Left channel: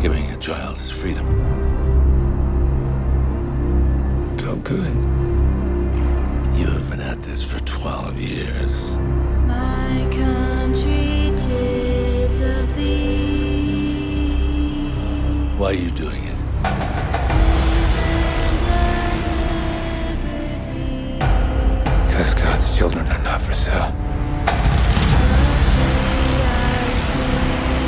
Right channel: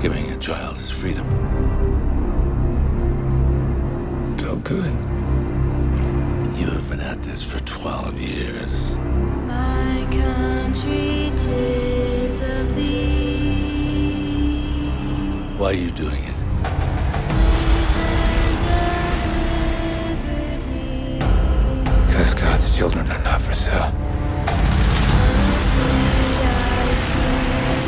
giving a child his freedom. Felt good. You have been at this for 12 years. My country, 'tis of thee. Why are you doing it? Sweet land of liberty. Because God's children are not for sale.